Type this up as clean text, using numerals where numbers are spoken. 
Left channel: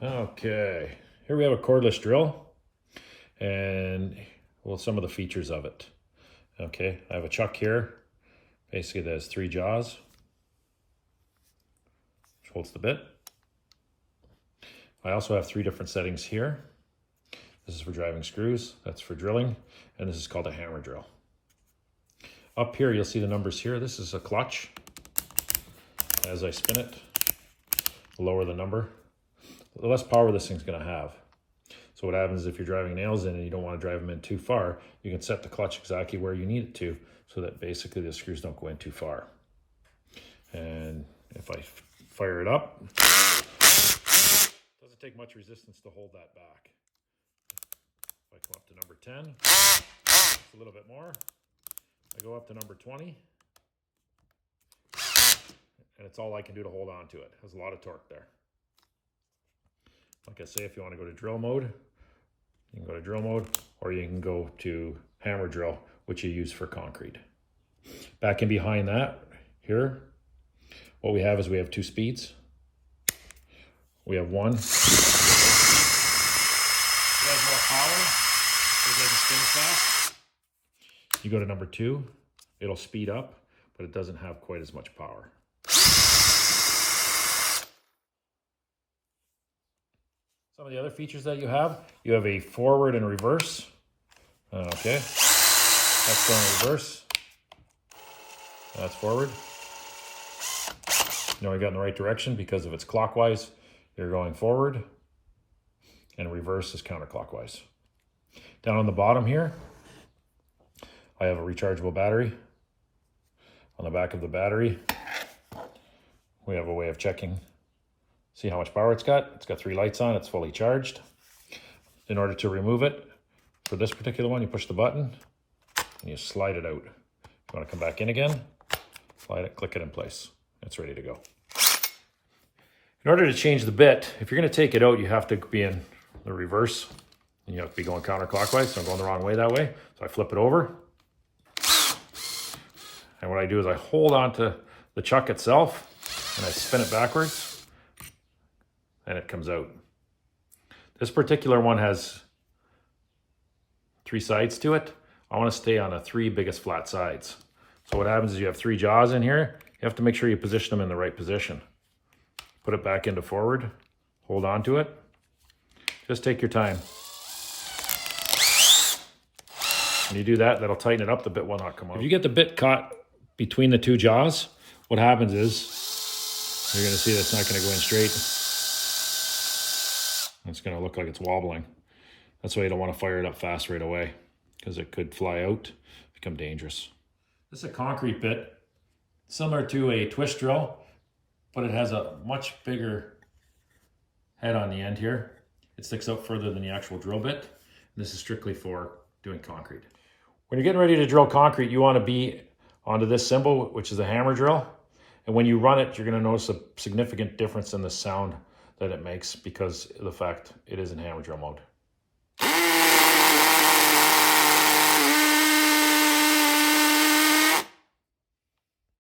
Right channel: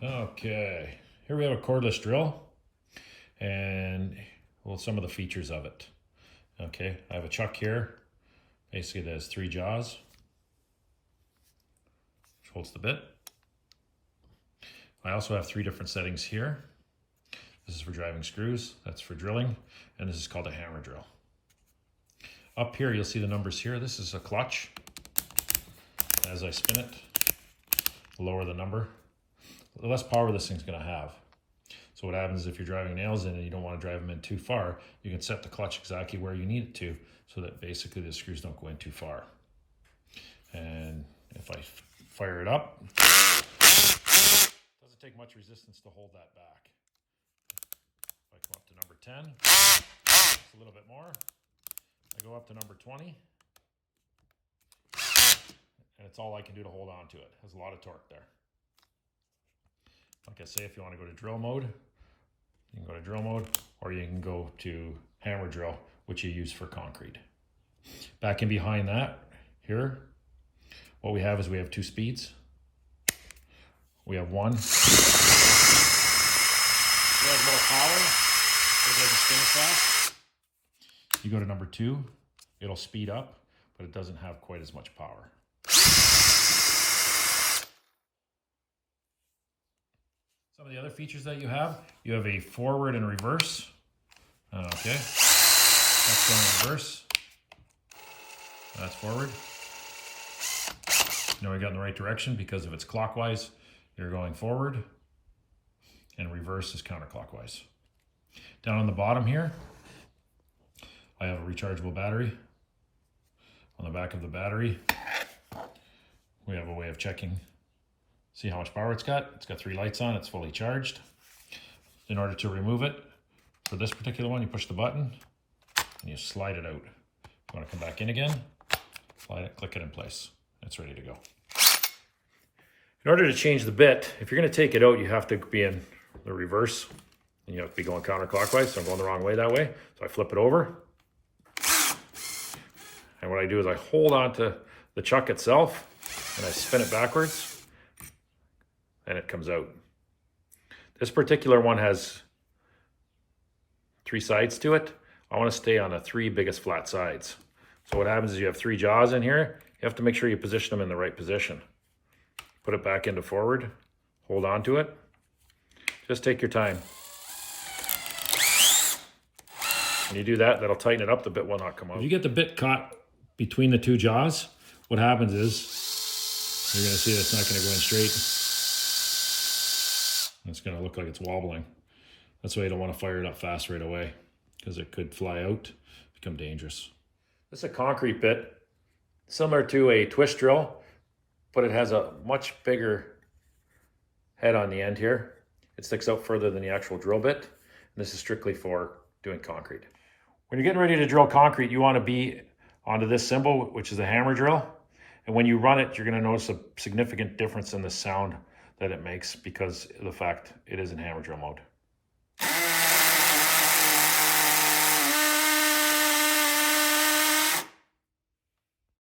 Okay, here we have a cordless drill and well, some of the features of it. Okay, I have a chuck here. Basically, there's 3 jaws, which holds the bit. I also have 3 different settings here. This is for driving screws, that's for drilling, and this is called a hammer drill. Up here, you'll see the numbers here. This is a clutch. As I spin it, lower the number, the less power this thing's gonna have. So what happens if you're driving nails in and you don't want to drive them in too far, you can set the clutch exactly where you need it to so that basically the screws don't go in too far. And if I fire it up, it doesn't take much resistance to hold that back. If I come up to number 10, it's a little bit more. I go up to number 20, and it's all I can do to hold on to it. There's a lot of torque there. Like I say, if you want to go to drill mode, you can go to drill mode, or you can go to hammer drill, which you use for concrete. Back in behind that, here, what we have is we have 2 speeds. We have one. It has more power. You go to number 2, it'll speed up, but it doesn't have quite as much power. Some of the other features that you have a forward and reverse. Okay, that's going reverse. That's forward. You know you got in the right direction because if it's clockwise, you're going forward, and reverse is counterclockwise. Down on the bottom here, I have a rechargeable battery. On the back of the battery, we have a way of checking. See how much power it's got? It's got 3 lights on, it's fully charged. In order to remove it, for this particular one, you push the button and you slide it out. You want to come back in again, slide it, click it in place. It's ready to go. In order to change the bit, if you're going to take it out, you have to be in the reverse and you have to be going counterclockwise, so I'm going the wrong way that way. So I flip it over. And what I do is I hold on to the chuck itself and I spin it backwards. And it comes out. This particular one has 3 sides to it. I want to stay on the 3 biggest flat sides. So what happens is you have 3 jaws in here. You have to make sure you position them in the right position. Put it back into forward, hold on to it. Just take your time. When you do that, that'll tighten it up, the bit will not come out. If you get the bit caught between the 2 jaws, what happens is, you're gonna see that's not gonna go in straight. It's going to look like it's wobbling. That's why you don't want to fire it up fast right away because it could fly out, become dangerous. This is a concrete bit, similar to a twist drill, but it has a much bigger head on the end here. It sticks out further than the actual drill bit. And this is strictly for doing concrete. When you're getting ready to drill concrete, you want to be onto this symbol, which is a hammer drill. And when you run it, you're going to notice a significant difference in the sound that it makes because of the fact it is in hammer drill mode.